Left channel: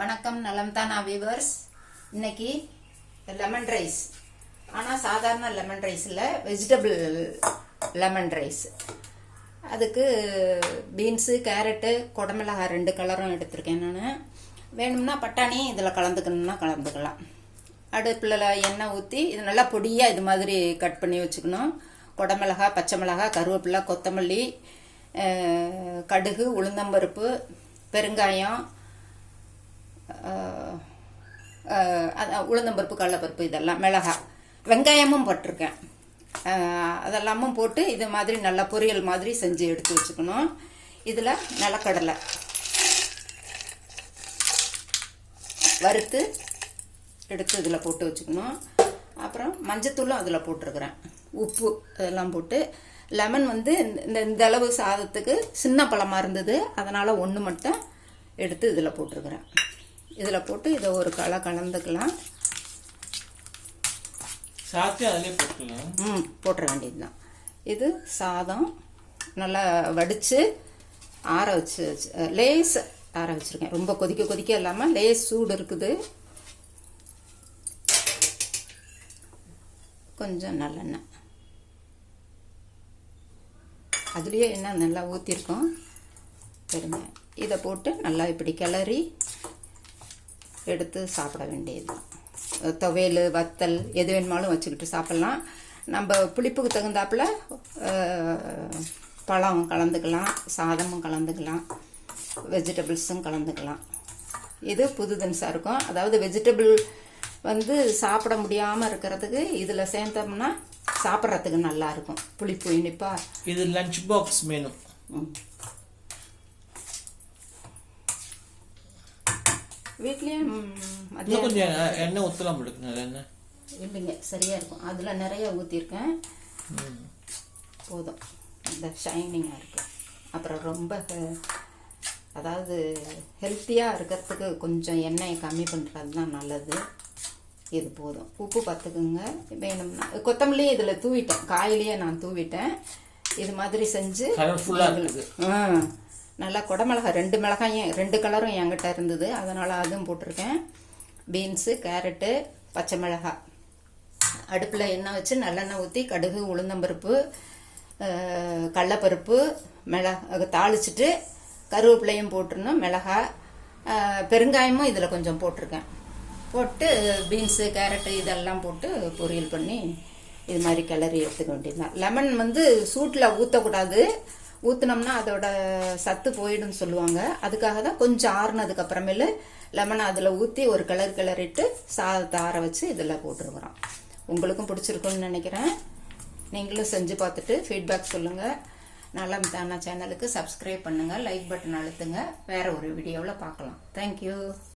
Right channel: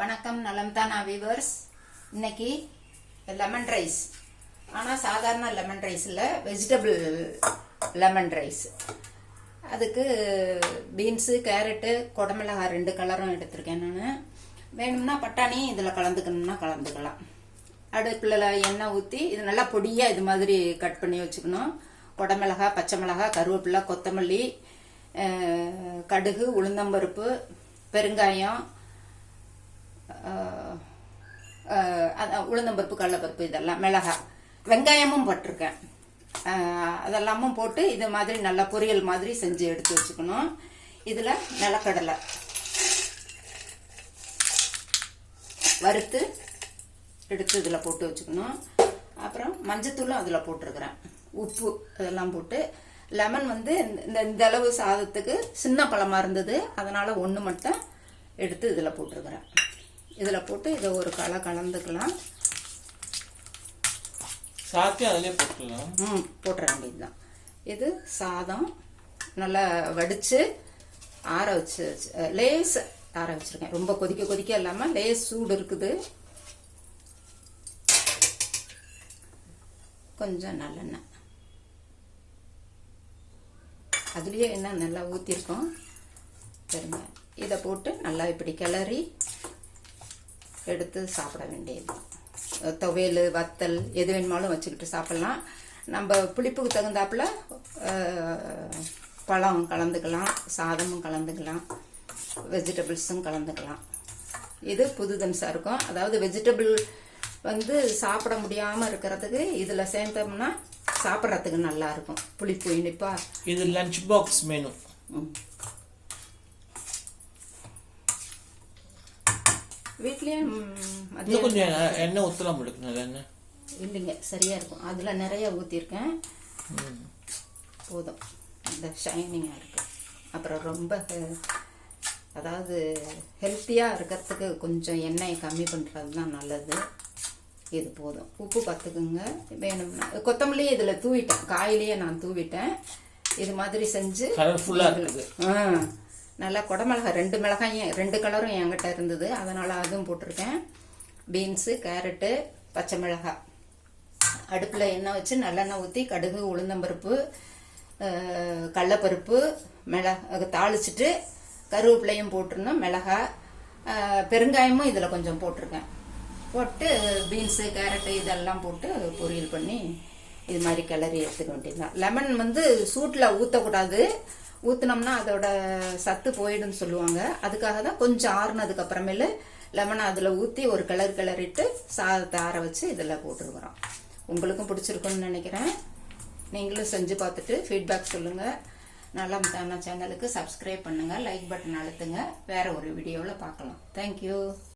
வணக்கம், நலம் தானா வீவர்ஸ். இன்னைக்கு லெமன் ரைஸ். ஆனால் சாதாரண லெமன் ரைஸ் இல்லை, வெஜிடபிள் லெமன் ரைஸ். அதுக்கு பீன்ஸு, கேரட்டு, குடமிளகாய் 2 கலரும் எடுத்திருக்கேன் நான். வேணும்னா பட்டாணி இதில் கலந்துக்கணும்னா கலந்துக்கலாம். அடுப்பில் எண்ணெய் ஊற்றி இது நல்லா பொடியாக இது மாதிரி கட் பண்ணி வச்சுக்கணும். குடமிளகாய், பச்சை மிளகாய், கருவேப்பிலை, கொத்தமல்லி, கடுகு, உளுந்தம்பருப்பு, பெருங்காயம், உளுந்தம்பருப்பு, கடலைப்பருப்பு, இதெல்லாம் மிளகாய், வெங்காயமும் போட்டிருக்கேன். அதெல்லாமும் போட்டு இது மாதிரி நல்லா பொரியல் மாதிரி செஞ்சு எடுத்து வச்சுக்கணும். இதில் நிலக்கடலை வறுத்து எடுத்து இதில் போட்டு வச்சுக்கணும். அப்புறம் மஞ்சத்தூளும் அதில் போட்டிருக்கிறேன், உப்பு அதெல்லாம் போட்டு. லெமன் வந்து இந்த அளவு சாதத்துக்கு சின்ன பழமாக இருந்தது, அதனால் 1 மட்டும் எடுத்து இதில் போட்டிருக்கிறேன். இதில் போட்டு இதை ஒரு கலந்துக்கலாம். சாத்தி அதிலே போட்டுக்கலாம். போட்டுற வேண்டியதுதான். இது சாதம் நல்லா வடித்து ஆற வச்சு லேஸ் ஆற வச்சுருக்கேன். ரொம்ப கொதிக்க இல்லாமல் லேஸ் சூடு இருக்குது. கொஞ்சம் நல்லெண்ணெய், அதுலேயே எண்ணெய் நல்லா ஊற்றிருக்கோம். சரிங்க, இதை போட்டு நல்லா இப்படி கிளறி எடுத்து சாப்பிட வேண்டியது. துவையல், வத்தல் எது வேணுமாலும் வச்சுக்கிட்டு சாப்பிட்லாம். நம்ம புளிப்புக்கு தகுந்தாப்புல பழம் கலந்துக்கலாம், சாதமும் கலந்துக்கலாம், வெஜிடபிள்ஸும் கலந்துக்கலாம். இது புது தினசாக இருக்கும். அதாவது வெஜிடபிள் வந்து சாப்பிட முடியாமல் இருக்கிறதுக்கு இதில் சேர்ந்தோம்னா சாப்பிட்றதுக்கு நல்லா இருக்கும். புளிப்பு இனிப்பா. இது லஞ்ச் பாக்ஸ் மெனு. வீட்லேயும் கொஞ்சம் எண்ணெய் ஊற்றலாம் எண்ணெய் இல்லைங்க, சரியாக இருக்கும். அதில் நிறைய ஊற்றிருக்கேன், போதும். இந்த ஷைனிங்காக இருக்கு. அப்புறம் ரொம்ப அதாவது ஹெல்த்தியாக இருக்கிறதுக்கு கொஞ்சம் எண்ணெயை கம்மி பண்ணுறது தான் நல்லது. இது போதும். உப்பு பார்த்துக்குங்க. வேணும்னா கொத்தமல்லியே இதில் தூவிட்டேன், காயிலேயே நான் தூவிட்டேன். இது மாதிரி செஞ்சு நல்லா குடமிளகாய் 2 மிளகாயும் 2 கலரும் என்கிட்ட இருந்தது, அதனால் அதுவும் போட்டிருக்கேன். பீன்ஸு, கேரட்டு, பச்சை மிளகாய். அடுப்பில் எண்ணெய் வச்சு நல்லெண்ணெய் ஊற்றி கடுகு, உளுந்தம்பருப்பு, கடலைப்பருப்பு, தாளிச்சிட்டு கருவேப்பிலையும் போட்டுருணும், மிளகாய், பெருங்காயமும் இதில் கொஞ்சம் போட்டிருக்கேன். போட்டு பீன்ஸு, கேரட்டு இதெல்லாம் போட்டு பொரியல் பண்ணி இது மாதிரி கிளறி எடுத்துக்க வேண்டியதுதான். லெமன் வந்து சூட்டில் ஊற்றக்கூடாது, ஊற்றினோம்னா அதோட சத்து போயிடும்னு சொல்லுவாங்க. அதுக்காக தான் கொஞ்சம் ஆறுனதுக்கு அப்புறமேலு லெமன் அதில் ஊற்றி ஒரு கிளறிட்டு சாதத்தை ஆற வச்சு இதில் போட்டுருக்குறோம். உங்களுக்கும் பிடிச்சிருக்குன்னு நினைக்கிறேன். நீங்களும் செஞ்சு பார்த்துட்டு ஃபீட்பேக் சொல்லுங்கள். நலம் தானா சேனலுக்கு சப்ஸ்கிரைப் பண்ணுங்கள், லைக் பட்டன் அழுத்துங்க. வேற ஒரு வீடியோவில் பார்க்கலாம். தேங்க்யூ.